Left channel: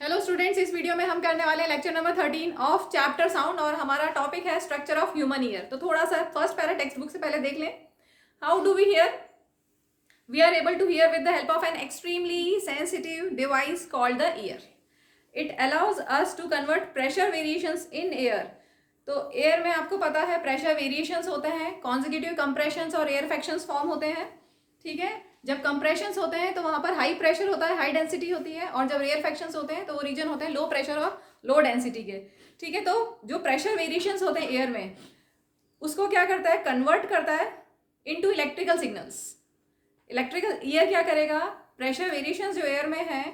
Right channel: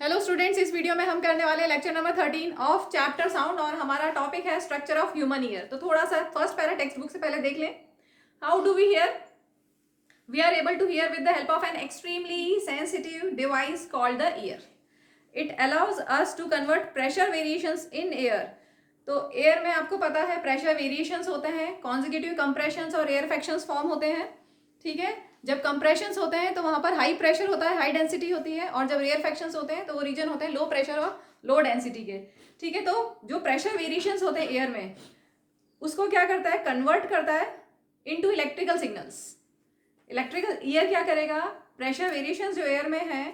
Hello students, इस video में हम करने वाले हैं lecture number 13 of chapter sound और हमारा टॉपिक है स्ट्रक्चर ऑफ ह्यूमन ईयर। तो थोड़ा सा फर्स्ट पैरा टेक्स्ट बुक से पहले देख लें। How do we hear? We are able to hear with the help of an extremely sensitive device called the ear. It allows us to convert pressure variations in air. तो air में आपको पता है pressure variations होते हैं, consecutive compressions और air fractions form होते हैं. ठीक है, जब कंप्रेशंस होते हैं तो वहाँ पर हाई प्रेशर होता है, हाई डेंसिटी होती है, और जब रेयर फ्रैक्शंस होते हैं तो वो रीजन होते हैं लो प्रेशर और लो डेंसिटी के. ठीक है, तो जो प्रेशर वेरिएशंस होते हैं एयर में, उसको क्या करता है, कन्वर्ट करता है into electrical signals. Electrical year क्या करेगा, प्रेशर वेरिएशंस जो एयर में है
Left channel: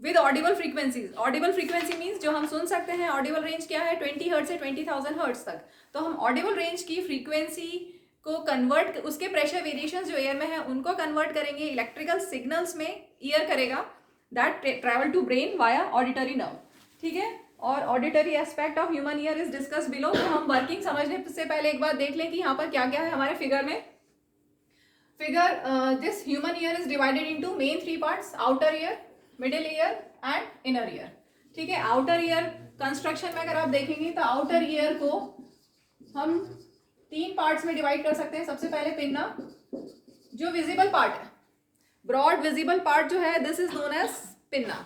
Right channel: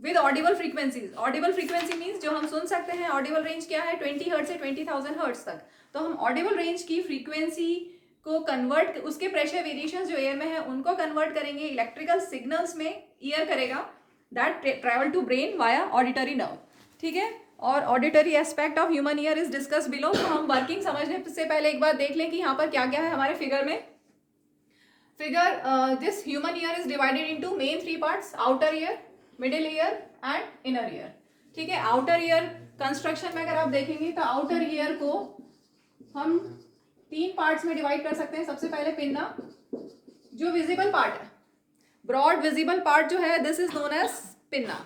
with Audible frequencies. Audible frequency means जो हम सुन सकते हैं. ऑडिबल रेंज क्या है, 20 हर्ट्ज से 20,000 हर्ट्ज तक. तो हम ऑडिबल रेंज की फ्रीक्वेंसी को कन्वर्ट, उसके प्रेशर वेरिएशंस जो एयर में है उनको कन्वर्ट करेंगे इलेक्ट्रिकल सिग्नल्स में. ईयर करेगा that travel to brain via auditory nerve. ठीक है, और auditory aspect of human ear is discuss below. तो हम वर्किंग समझने से पहले एक बार देख लें कि यहाँ पर क्या क्या है हमारे फिगर में. Figure, this human ear is divided into main 3 parts: outer ear, middle ear and inner ear. ठीक है, आउटर ईयर कंस्ट्रक्शन में अगर आप देखेंगे तो आउटर ईयर को हम 3 पार्ट्स में डिवाइड कर सकते हैं. सबसे पहले पिन्ना, जो विजिबल पार्ट है, ब्रॉड विजिबल पार्ट जो है, this is known as pinna.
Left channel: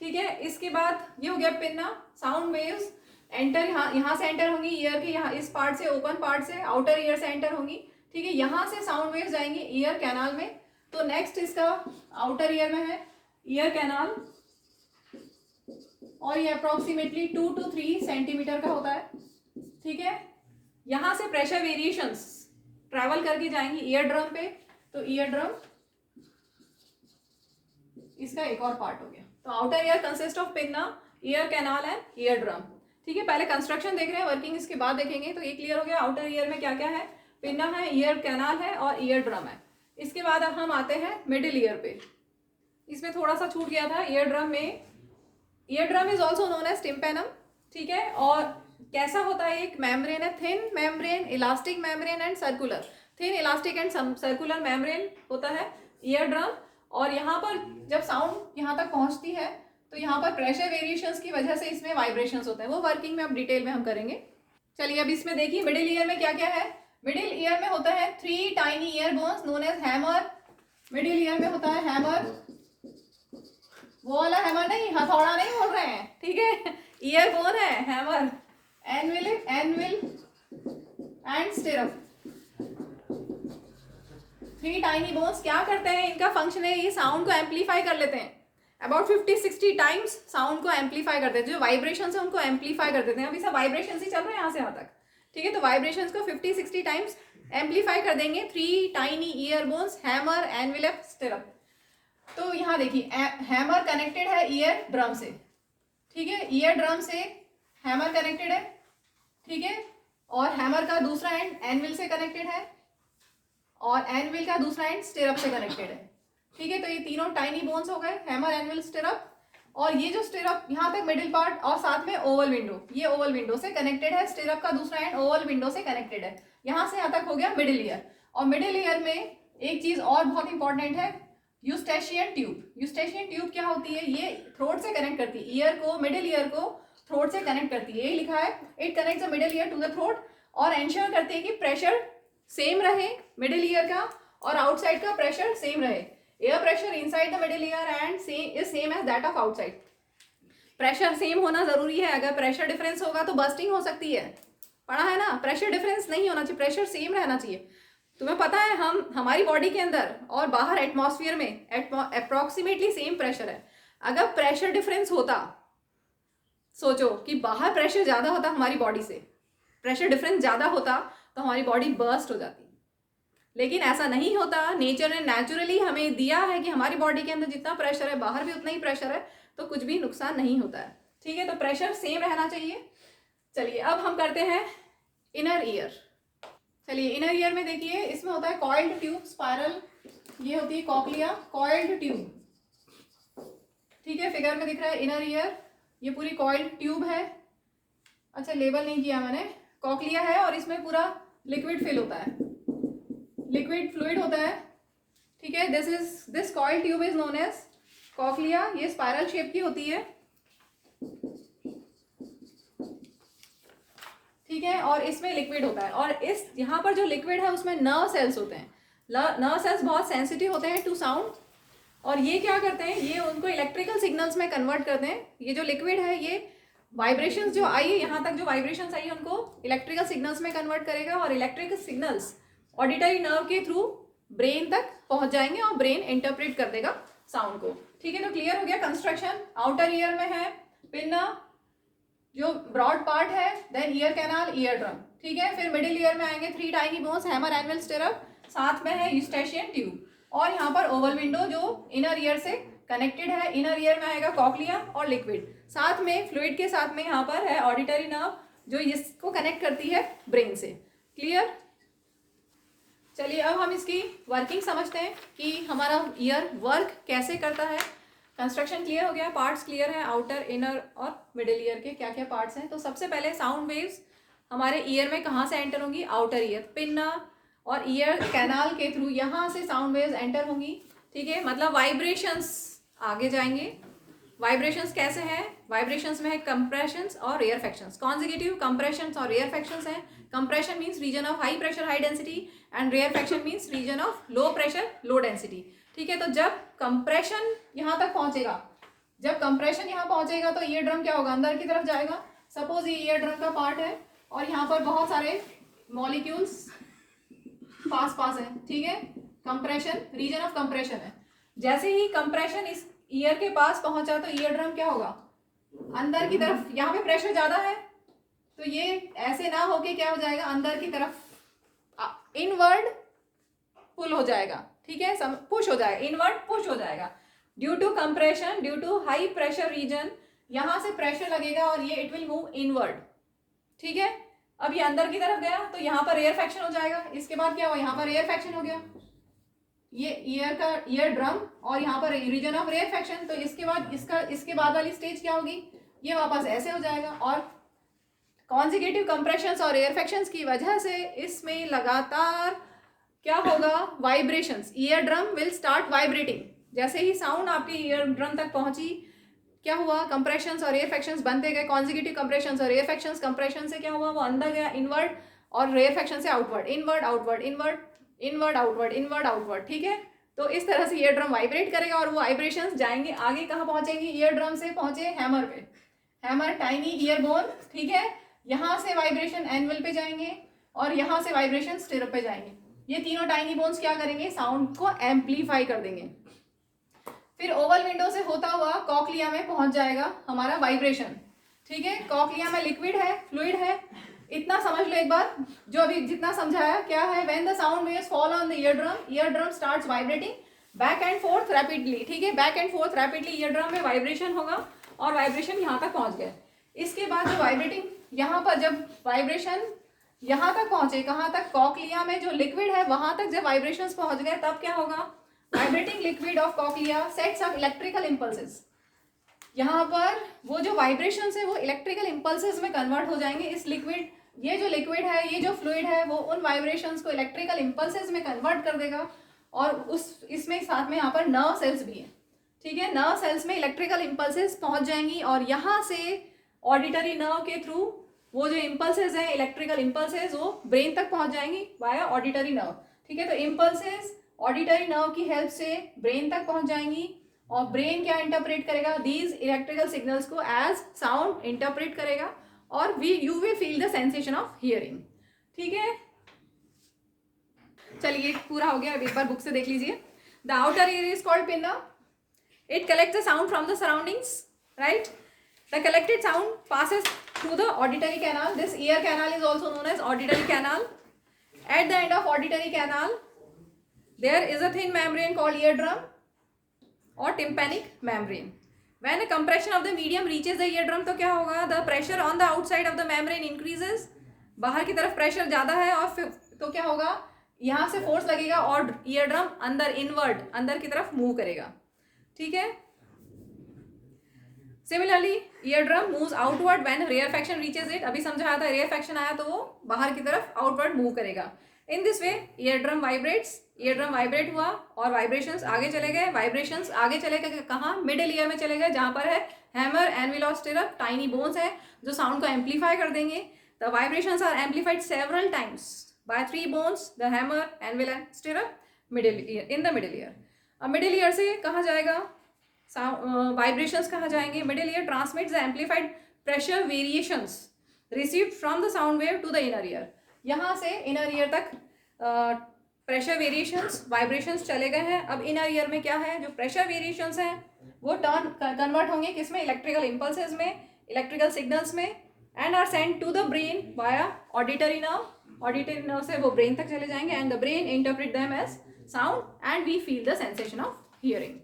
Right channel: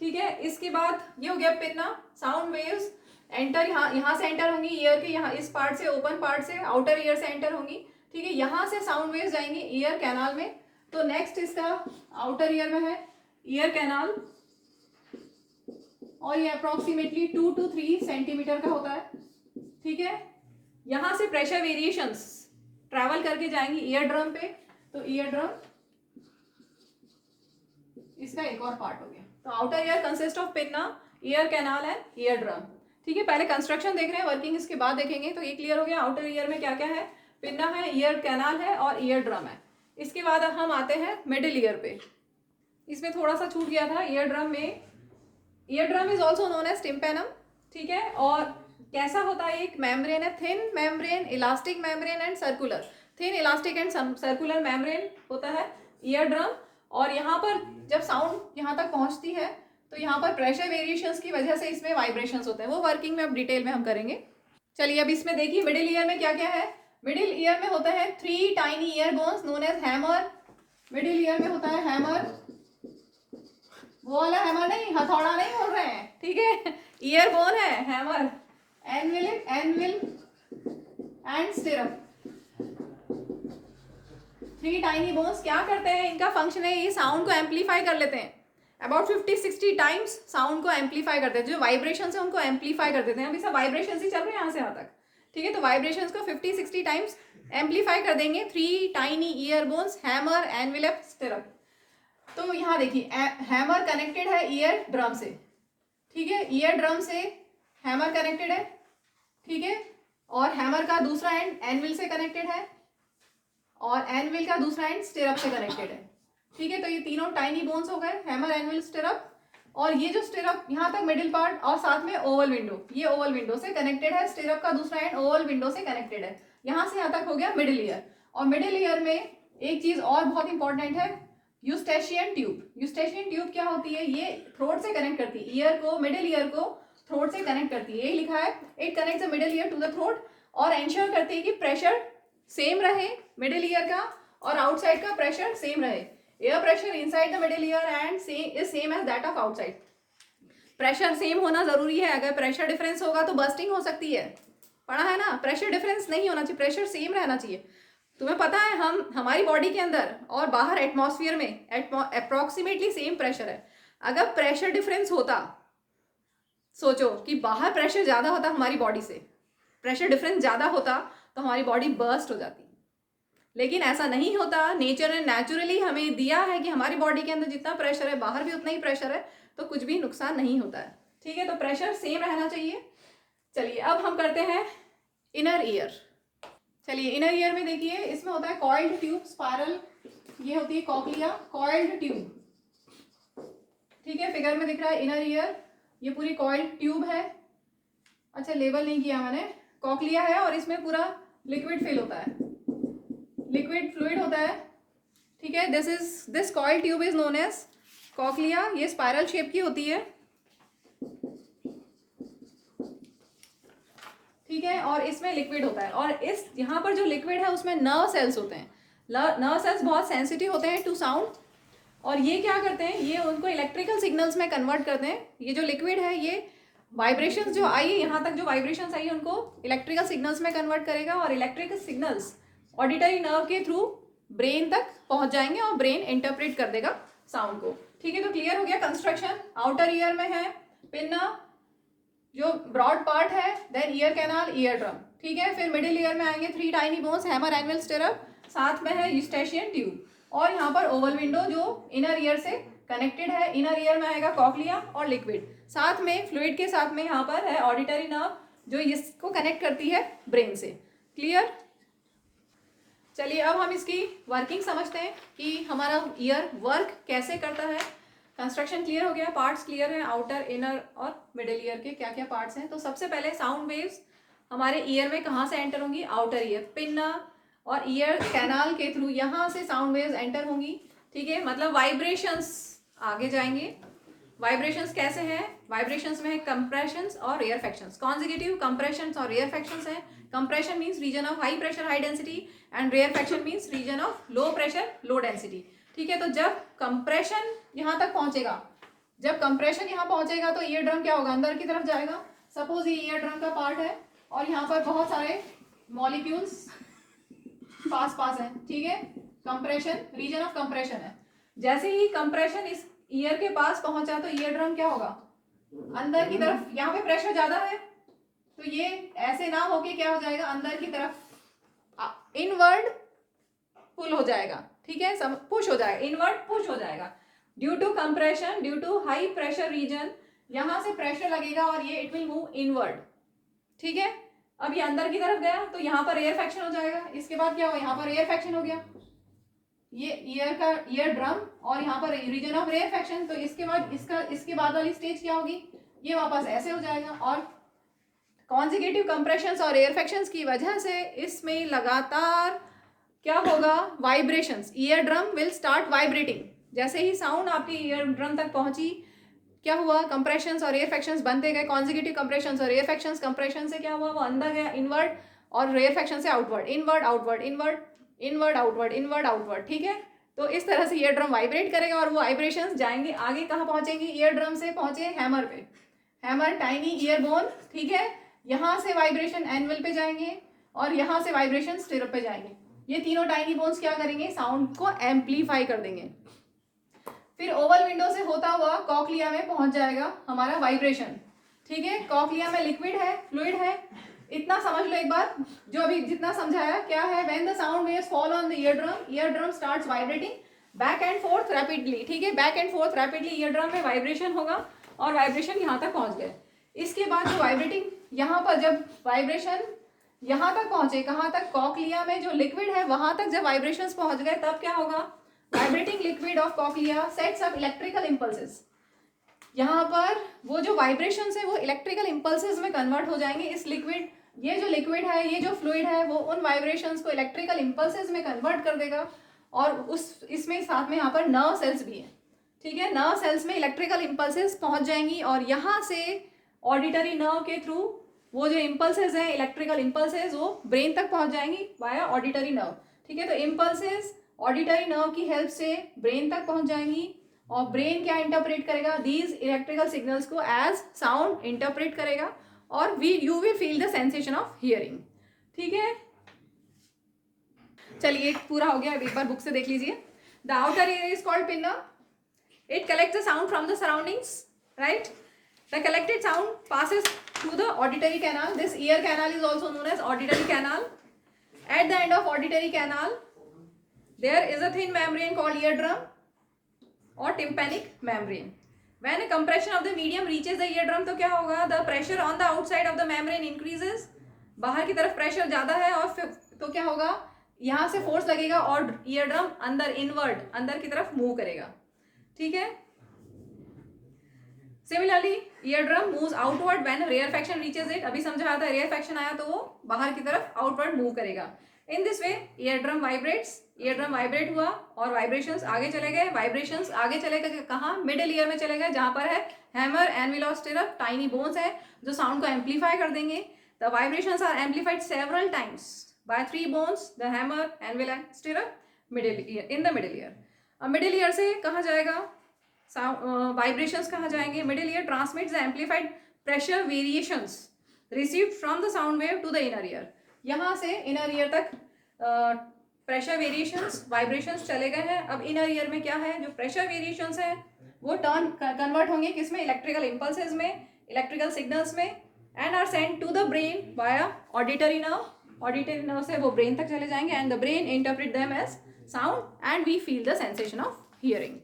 ठीक है, इसके बाद ये हो गया पिन्ना. साउंड वेव्स एंटर, यहाँ से एंटर होंगी ईयर के, यहाँ इस पार्ट से, ओपन पार्ट से, आउटर ईयर से एंटर होंगी. ठीक है, यहाँ से साउंड वेव्स जाएंगी ईयर कैनाल में. तो नेक्स्ट इसका आउटर ईयर में है ईयर कैनाल, और ये अप्रोक्सीमेटली 2 to 3 सेंटीमीटर का होता है. ठीक है, यहाँ से प्रेशर वेरिएशंस ट्रैवल करके जाएंगी ईयर ड्रम पे. तो ईयर ड्रम इसका एक और पार्ट हो गया. तो outer ear consist of pinna, ear canal and year drum. ठीक है, पहले कंस्ट्रक्शन देख रहे हैं, वर्किंग इसके बाद देखेंगे. तो ये क्लियर हो गया आउटर ईयर में क्या क्या है. पिन्ना है, ईयर कैनाल है और ईयर ड्रम है. इसके बाद अब हम आते हैं मिडिल ईयर पे. इसमें थोड़ा सा छूट गया था ईयर ड्रम में. Ear drum is also known as tympanum. ठीक है, और कैसा होता है, एक मेम्ब्रेन है, thin membrane, elastic membrane and circular. Thin elastic and circular membrane होता है ईयर ड्रम. और यहाँ पर जब साउंड यहाँ तक पहुँचती है तो यहाँ पर प्रेशर वेरिएशंस की वजह से इसमें वाइब्रेशंस होते हैं. वो वर्किंग में अब डिटेल में हम करेंगे. चलिए अब इसमें देखिए मिडिल ईयर में क्या क्या है. मिडिल ईयर में होता है 3 tiny ear bones known as hammer. Middle ear में होता है हैमर, वो वाला हैमर नहीं, हथौड़ा नहीं बोल रहे हैं. ठीक है, ईयर बोन है hammer, anvil and stirrup. 3 tiny bones क्या करते हैं, इनका फंक्शन है ये साउंड को एम्पलीफाई कर लेते हैं. अबाउट 50-60 टाइम्स साउंड को एम्पलीफाई कर देते हैं. जो वाइब्रेशन है उनको एम्पलीफाई कर देते हैं. अभी सब वाइब्रेशन ही चल रहे हैं यहाँ से यहाँ तक. ठीक है, तो वाइब्रेशंस को 50-60 टाइम्स एम्पलीफाई कर देंगे. 3 tiny ear bones, hammer, anvil, stirrup. तो यहाँ देखिए हैमर कनेक्टेड है ईयर ड्रम से. ठीक है, ईयर ड्रम से हैमर कनेक्टेड है. ठीक है, और हैमर का दूसरा एंड एनविल से कनेक्टेड है, और एनविल का दूसरा एंड स्टिरअप से कनेक्टेड है. ठीक है, तो ये तीनों टाइनी बोन्स हो गए, हैमर, एनविल, स्टिरअप. और ये जो स्टिरअप यहाँ तक मिडिल पार्ट, और साथ में ओवल विंडो, ये ओवल विंडो से कनेक्टेड है. स्टिरअप का दूसरा एंड ओवल विंडो से कनेक्टेड है. यहाँ से यहाँ तक हो गया मिडिल ईयर. और मिडिल ईयर में एक चीज और बहुत इंपॉर्टेंट है, यूस्टेशियन ट्यूब. यूस्टेशियन ट्यूब क्या होती है, ये थ्रोट से कनेक्ट करती है ईयर को, मिडिल ईयर को थ्रोट से कनेक्ट करती है. ये लिखा है, it connects the middle ear to the throat, और एंश्योर करती है कि प्रेशर सेम रहे मिडिल ईयर का, और आउटसाइड का प्रेशर सेम रहे. Air pressure inside the middle ear and same as that of outside. Pressure same होना जरूरी है. अगर प्रेशर डिफरेंस होगा तो बर्स्टिंग हो सकती है. पढ़ा है ना, प्रेशर डिफरेंस नहीं होना चाहिए, प्रेशर सेम रहना चाहिए. तुम्हें पता है हमारी बॉडी के अंदर और बाहर एटमॉस्फेयर में अप्रोक्सीमेटली सेम प्रेशर है. अगर प्रेशर डिफरेंस होता, सोचो कि बाहर प्रेशर ज़्यादा होता हमारी बॉडी से, प्रेशर डिफरेंस ज़्यादा होता तो हमारी बॉडी बर्स्ट हो जाती. लेकिन ऐसा नहीं होता. नेचर ने नेचुरली हमें दिया है कि हमारी बॉडी के अंदर जितना प्रेशर है बाहर भी उतना ही प्रेशर है, तो कुछ भी नुकसान नहीं होता है. ठीक है, तो प्रेशर सेम रहना चाहिए. चलिए अब हम करते हैं इनर ईयर. चलिए इनर ईयर में देखिए, इसमें होता है कॉइल्ड ट्यूब, स्पायरल. ये होती है कॉक्लिया, कॉइल्ड ट्यूब. ठीक है, फिगर में दिख रहा है इनर ईयर, ये पूरी कॉइल्ड ट्यूब है. अच्छा, लेबल नहीं किया मैंने. कॉक्लिया है और इसमें पूरा लिक्विड फिल होता है, लिक्विड फ्लूइड होता है. ठीक है, this coiled tube is known as cochlea. ये स्पायरल शेप की होती है. ठीक है, और इसमें लिक्विड होता है, और इस यहाँ पर जो लिक्विड है उसमें नर्व सेल्स होते हैं। नर्व सेल्स बहुत सेंसिटिव होते हैं टू साउंड, और ये क्या करते हैं, ये उनको इलेक्ट्रिकल सिग्नल्स में कन्वर्ट करते हैं। ये जो लिक्विड है ये वाइब्रेशंस जो आई है, यहाँ तक जो वाइब्रेशंस आई है उनको इलेक्ट्रिकल सिग्नल्स में कन्वर्ट करेगा, और इलेक्ट्रिकल सिग्नल्स ऑडिटरी नर्व के थ्रू ब्रेन तक पहुंच जाएंगे और ब्रेन इंटरप्रेट कर देगा साउंड को। ठीक है, तो क्लियर हो गया कंस्ट्रक्शन। आउटर ईयर में है पिन्ना जो ब्रॉड पार्ट है, then ear canal, ear drum. ठीक है, फिर मिडिल ईयर में आएंगे 3 tiny bones, hammer, anvil, stirrup, साथ में है यूस्टेशियन ट्यूब, और यहाँ पर ओवल विंडो जो इनर ईयर से कनेक्टेड है। इनर ईयर में आएगा कॉक्लिया और लिक्विड, साथ में फ्लूइड के साथ में यहाँ पर है ऑडिटरी नर्व जो इसको कनेक्ट करती है ब्रेन से। क्लियर? चलिए अब हम इसकी वर्किंग समझते हैं कि हमारा ईयर वर्क कैसे करता है। कंस्ट्रक्शन क्लियर हो गया, पार्ट्स क्लियर है, आउटर, इनर और मिडिल ईयर के क्या क्या पार्ट्स हैं। तो सबसे पहले साउंड वेव्स हमारे ईयर में कहाँ से एंटर होंगी, आउटर ईयर, पिन्ना और ईयर कैनाल के थ्रू यहाँ से साउंड वेव्स एंटर होंगी। ठीक है, मतलब वाइब्रेशंस आगे जाएंगे। वाइब्रेशंस कैसे हैं, वाइब्रेशंस में है कंप्रेशंस और रेयरफेक्शंस। कॉन्जिक्यूटिव कंप्रेशंस और रेयरफेक्शंस हैं। Compression means region of high pressure high density and rarefaction means region of low pressure low density. ठीक है, तो जब कंप्रेशन यहाँ तक पहुंचेगा, जब कंप्रेशन यहाँ पहुंचेगा तो ईयर ड्रम क्या होगा, अंदर की तरफ जाएगा। सपोज ये ईयर ड्रम का पार्ट है और यहाँ पर बहुत सारे मॉलिक्यूल्स पास पास है। ठीक है, कंप्रेशन, रीजन ऑफ कंप्रेशन है। जैसे ही कंप्रेशन इस ईयर के पास पहुंचा तो ईयर ड्रम क्या होगा, अंदर की तरफ, यहाँ पे प्रेशर ज्यादा है तो ये ऐसे ना होके क्या हो जाएगा, अंदर की तरफ इनवर्ड पुल हो जाएगा। ठीक है, पुश हो जाएगा, इनवर्ड पुश हो जाएगा due to compression, due to high pressure region. यहाँ से प्रेशर लगेगा और ये इट विल मूव इनवर्ड। ठीक है, अब ये अंदर की तरफ गया तो यहाँ पर रेयरफेक्शन हो जाएगा। इसके बाद क्या हुआ, यहाँ पर रेयरफेक्शन हो गया, ये ईयर का ईयर ड्रम और यहाँ पर रीजन ऑफ रेयरफेक्शन। तो इसके बाद वाली स्टेज क्या होगी, ये वापस ऐसे हो जाएगा। और कॉन्जिक्यूटिव कंप्रेशंस और रेयरफेक्शंस की वजह से इसमें लगातार क्या होगा, vibrations, ear drum will start vibrating. जैसे ही साउंड आपकी ईयर ड्रम तक पहुंची क्या हुआ, कंप्रेशंस और रेयरफेक्शंस बनते गए। कॉन्जिक्यूटिव कंप्रेशंस और रेयरफेक्शंस, कंप्रेशन से क्या हुआ, वो अंदर गया इनवर्ड, और रेयरफेक्शन से outward, inward outward, inward inward outward, inward outward. ठीक है, तो इस तरह से ईयर ड्रम वाइब्रेट करेगा और वो वाइब्रेशंस जाएंगे आगे, कहाँ पहुंचेंगी, ईयर ड्रम से पहुंचे हैमर पे, हैमर टाइनी ईयर बोन। ठीक है, यहाँ से वाइब्रेशन एनविल पे जाएंगे और यहाँ से वाइब्रेशन स्टिरअप पे जाएंगे। ये तीनों टाइनी बोन्स क्या करेंगे, साउंड को एम्पलीफाई कर देंगे। फिर ओवल विंडो से होता हुआ कॉक्लिया में पहुंच जाएगा हमारा वाइब्रेशन। ठीक है, कॉक्लिया में लिक्विड है, फ्लूइड है, इतना समझ लो एक बार। जो अभी जितना समझाया क्या है, when the sound waves fall on the ear drum starts vibrating back and fourth rapidly. ठीक है, back and fourth rapidly year drum में वाइब्रेशन होगा और वाइब्रेशन यहाँ तक पहुंच गए। इसके बाद जो वाइब्रेटिंग यहाँ पर, जब वाइब्रेशन यहाँ तक पहुंचे, कहाँ तक, कॉक्लिया में जो लिक्विड है वहां तक जब वाइब्रेशंस पहुंच गए तब क्या होगा, vibrating liquid of cochlea sets up electrical impulses. यहाँ पर वो जो वाइब्रेशंस है वो इलेक्ट्रिकल इंपल्सेस में कन्वर्ट हो जाएंगे। इस लिक्विड, ये जो लिक्विड है, ये जो फ्लूइड है, वो उन वाइब्रेशंस को इलेक्ट्रिकल इंपल्सेस में कन्वर्ट कर देगा। और इसमें साथ में यहाँ पर नर्व सेल्स भी हैं। ठीक है, नर्व सेल्स में इलेक्ट्रिकल इंपल्सेस पहुंच जाएंगी और यहाँ से ऑडिटरी नर्व के थ्रू वो जो इंपल्सेस हैं, इलेक्ट्रिकल इंपल्सेस, वो ब्रेन तक पहुंच जाएंगी वाया ऑडिटरी नर्व। ठीक है, तो इंपल्सेस ऑडिटरी नर्व की हेल्प से ब्रेन तक पहुंच जाएंगी और ब्रेन क्या इंटरप्रेट करेगा, दीज इलेक्ट्रिकल सिग्नल्स को एज साउंड इंटरप्रेट करेगा और you will feel the sensation of hearing. ठीक है, चलिए पूरा हो गया, अब एक बार बुक से देख लीजिए। The outer ear is called pinna, it collects the sound from the surroundings, right. The collected sound passes through the auditory canal. This ear canal is also known as auditory canal. At the end of auditory canal there is a thin membrane called eardrum or tympanic membrane. When a compression of the medium reaches the eardrum तो क्या होगा, the pressure on the outside of the membrane increases, बाहर की तरफ pressure ज़्यादा है और फिर तो क्या होगा, यहाँ से फोर्स लगेगा और eardrum अंदर इनवर्ड, अंदर की तरफ मूव करेगा। ठीक है, similarly eardrum moves outward when rarefaction reaches it. अभी समझाया था, रेयरफेक्शन आया तो वो बाहर की तरफ आउटवर्ड मूव करेगा। In this way eardrum vibrates, eardrum vibrate हुआ और वाइब्रेशंस आगे चले गए। वाइब्रेशंस आगे चले गए कहाँ, मिडिल ईयर में चले गए, जहाँ पर है हैमर, एनविल और स्टिरअप, टाइनी बोन्स है जो साउंड को एम्पलीफाई कर देंगे। The vibrations are amplified several times by three bones, the hammer, anvil and stirrup, middle ear, in the middle ear. अब middle ear से कहाँ जाएगा vibrations कहाँ जाएंगे? Middle ear transmits the amplified pressure variations received from the sound wave to the inner ear. यहाँ से inner ear तक pressure variations vibrations चले गए हैं. अब इनर ईयर में क्या है? जो प्रेशर वेरिएशंस हैं वो कन्वर्ट होंगे किसमें? इलेक्ट्रिकल इम्पल्सेस में, इलेक्ट्रिकल सिग्नल्स में, and are send to the brain via auditory nerve. Auditory nerve से वो ब्रेन तक चले जाएंगे and the brain interpret them as sound and we feel the sensation of hearing.